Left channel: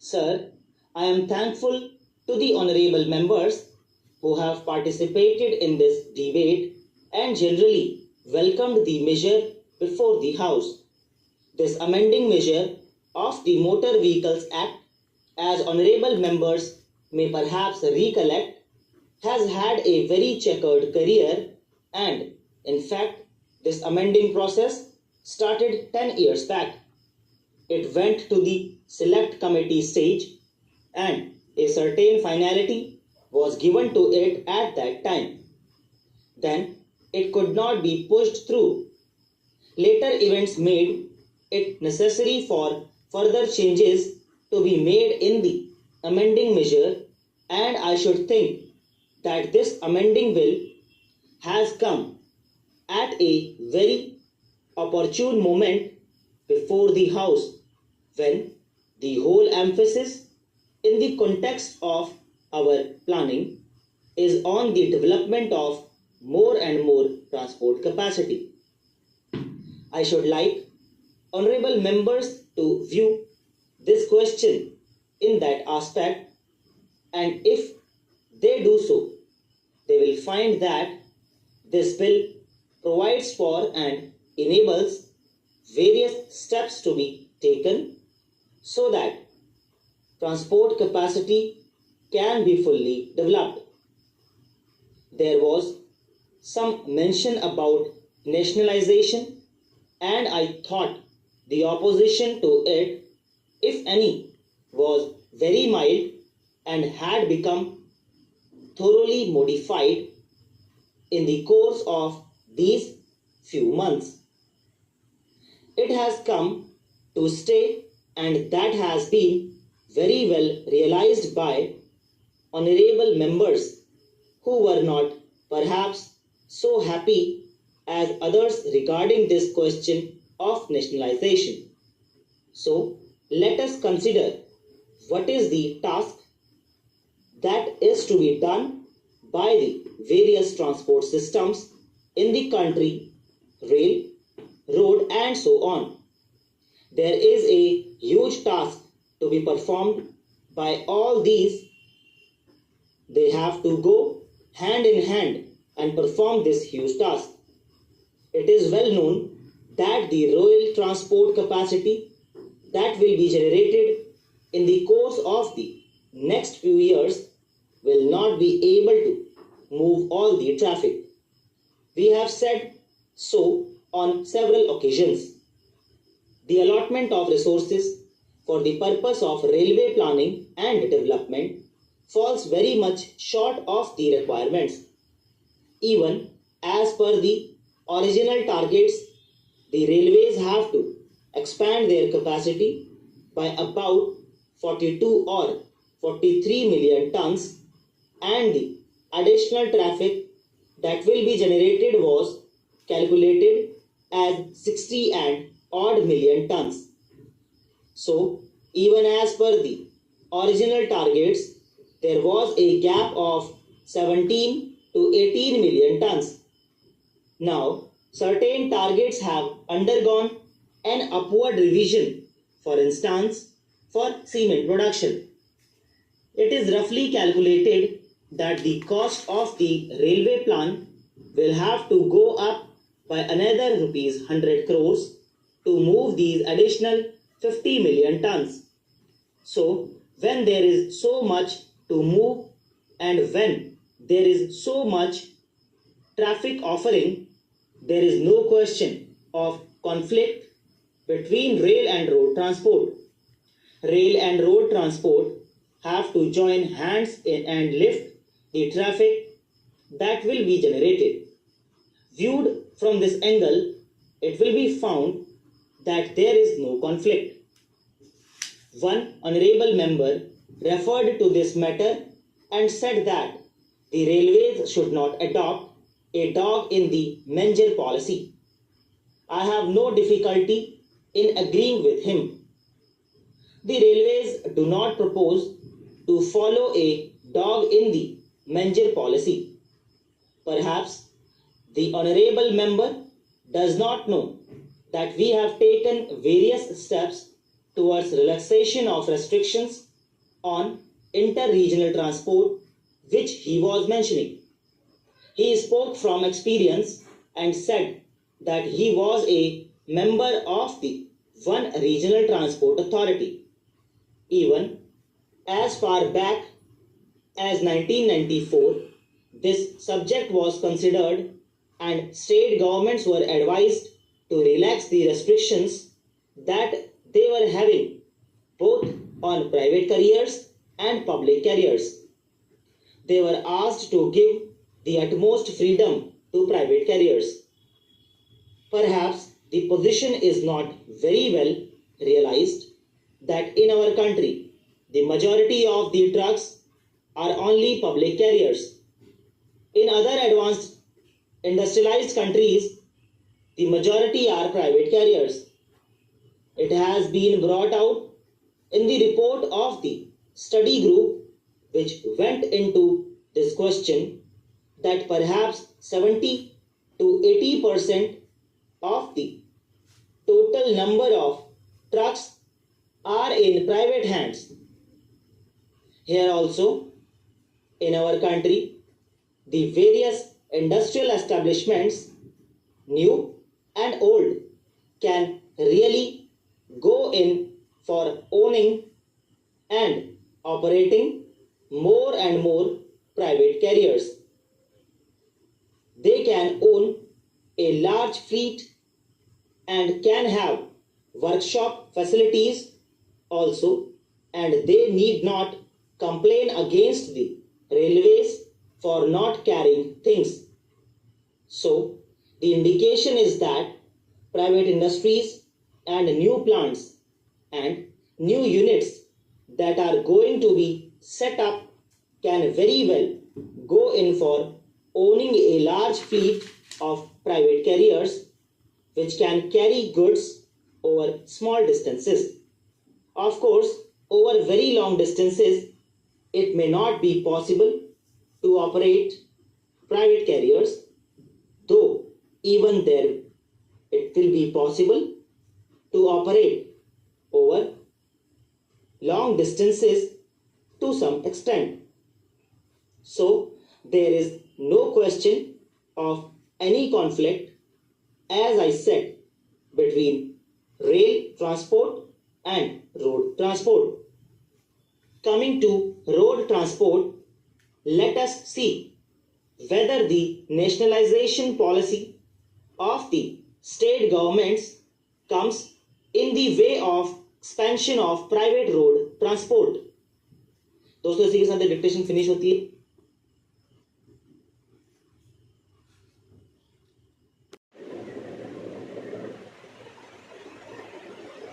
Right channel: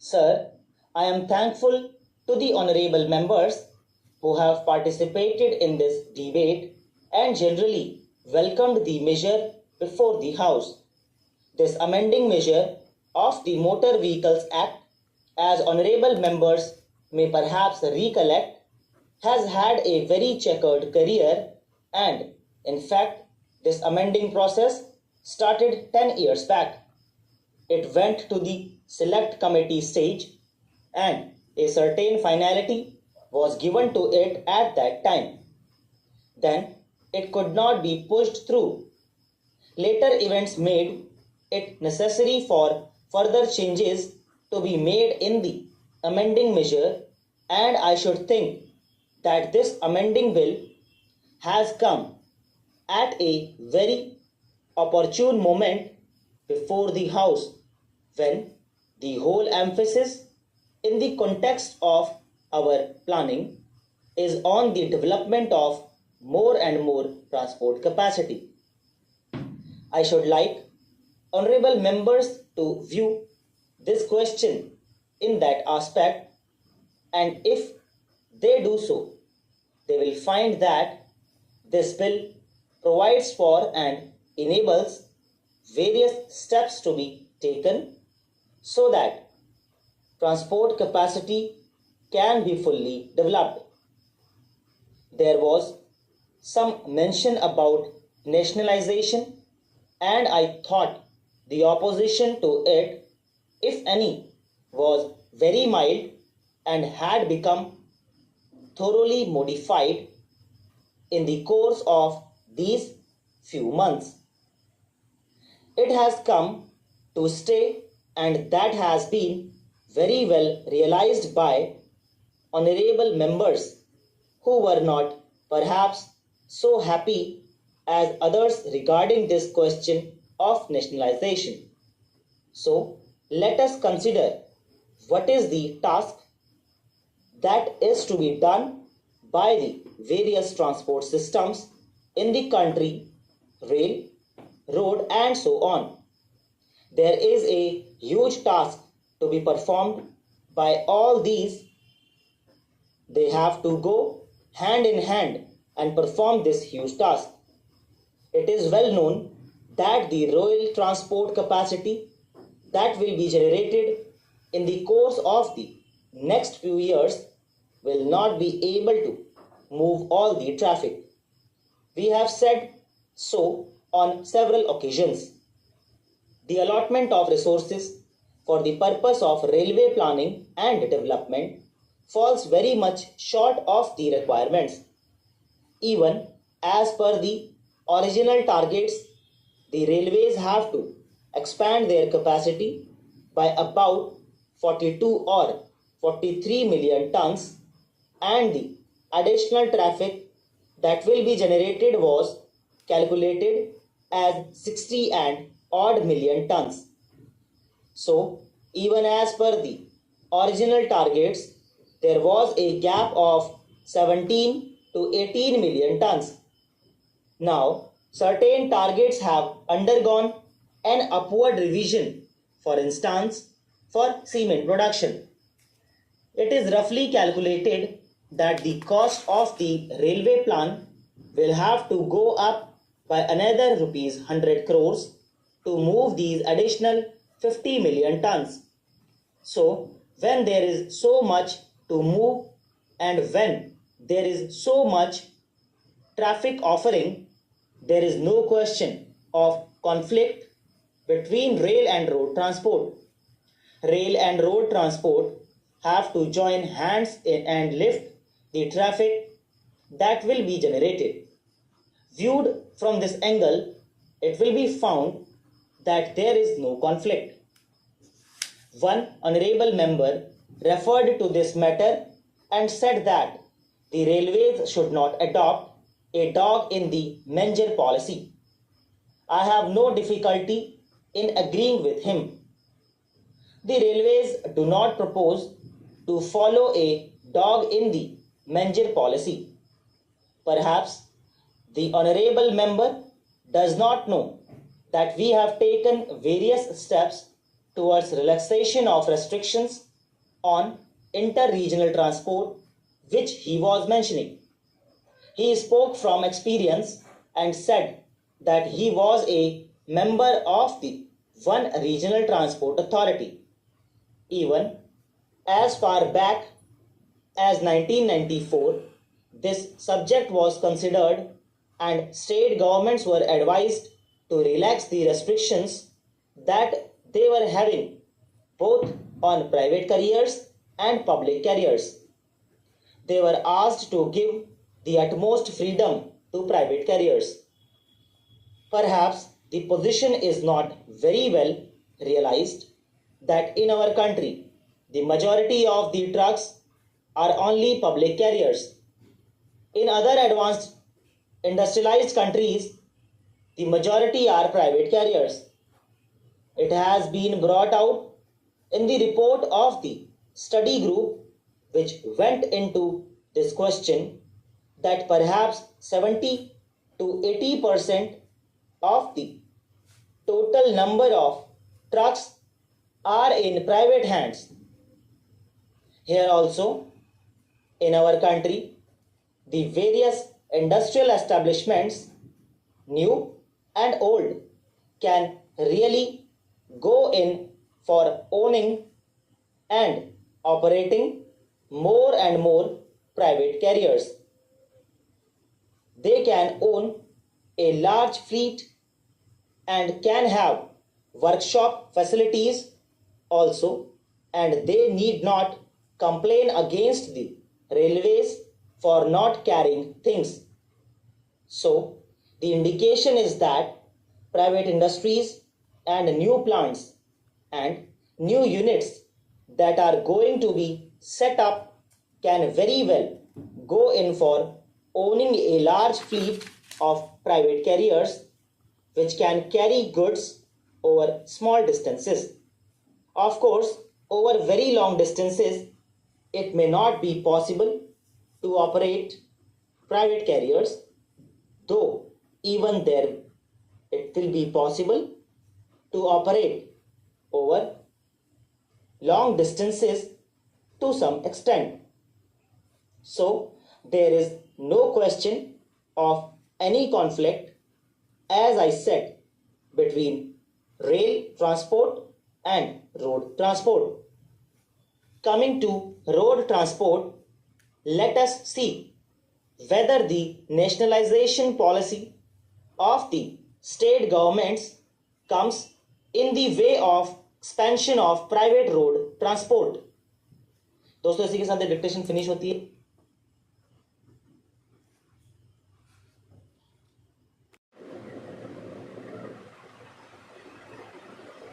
Sir, I am thankful to the honorable members who have participated in this debate and generally welcomed the measure before the House. This amending measure of the Motor Vehicles Act, as honorable members may perhaps recollect, has had a very checkered career, and in fact, this amending process started 10 years back. It went to the select committee stage, and a certain finality was given to it at that time. Then it could not be pushed through. Later events made it necessary for further changes to be made in the amending measure, and I should think that this amending bill has come at a very opportune moment before the House, when the whole emphasis in the context of our planning is on the development of more and more transport capacity. I should like honorable members to view this question in that aspect, and if they do so, they will find that this bill provides for and enables various steps to be taken so that transport capacity can be fully developed. There was some mention about nationalization, and I thought the opposition to it, if any, was very mild and had become thoroughly modified in the course of these few months. It has come to stay, and that has been very well realized by honorable members who were not perhaps so happy as others regarding this question of nationalization. So let us consider what is the task that is to be done by the various transport systems in the country, rail, road, and so on. There is a huge task to be performed by all these. They have to go hand in hand and perform this huge task. It is well known that the rail transport capacity that will be generated in the course of the next few years will not be able to move all the traffic. We have said so on several occasions. The allotment of resources for the purpose of railway planning and development falls very much short of the requirements. Even as per the original targets, the railways have to expand their capacity by about 42 or 43 million tons, and the additional traffic that will be generated was calculated as 60 and odd million tons. So, even as per the original targets, there was a gap of 17 to 18 million tons. Now, certain targets have undergone an upward revision, for instance, for cement production. It is roughly calculated that the cost of the railway plan will have to go up by another rupees 100 crores to move these additional 50 million tons. So, when there is so much to move and when there is so much traffic offering, there is no question of conflict between rail and road transport. Rail and road transport have to join hands and lift the traffic that will be generated. Viewed from this angle, it will be found that there is no conflict. One honorable member referred to this matter and said that the railways should not adopt a dog in the manger policy. I have no difficulty in agreeing with him. The railways do not propose to follow a dog in the manger policy. Perhaps the honorable member does not know that we have taken various steps towards relaxation of restrictions on inter-regional transport which he was mentioning. He spoke from experience and said that he was a member of the one regional transport authority. Even as far back as 1994, this subject was considered and state governments were advised to relax the restrictions that they were having both on private carriers and public carriers. They were asked to give the utmost freedom to private carriers. Perhaps the position is not very well realized that in our country, the majority of the trucks are only public carriers. In other advanced industrialized countries, the majority are private carriers. It has been brought out in the report of the study group which went into this question that perhaps 70 to 80% of the total number of trucks are in private hands. Here also, in our country, the various industrial establishments, new and old, can really go in for owning and operating more and more private carriers. They can own a large fleet and can have workshop facilities also, and they need not complain against the railways for not carrying things. So, the indication is that private industries and new plants and new units that are going to be set up can very well go in for owning a large fleet of private carriers which can carry goods over small distances. Of course, over very long distances, it may not be possible to operate private carriers, though even there it will be possible to operate over long distances to some extent. So, there is no question of any conflict, as I said, between rail transport and road transport. Coming to road transport, let us see whether the nationalization policy of the state governments comes in the way of expansion of private road transport. दोस्तों इसी के साथ dictation finish होती है.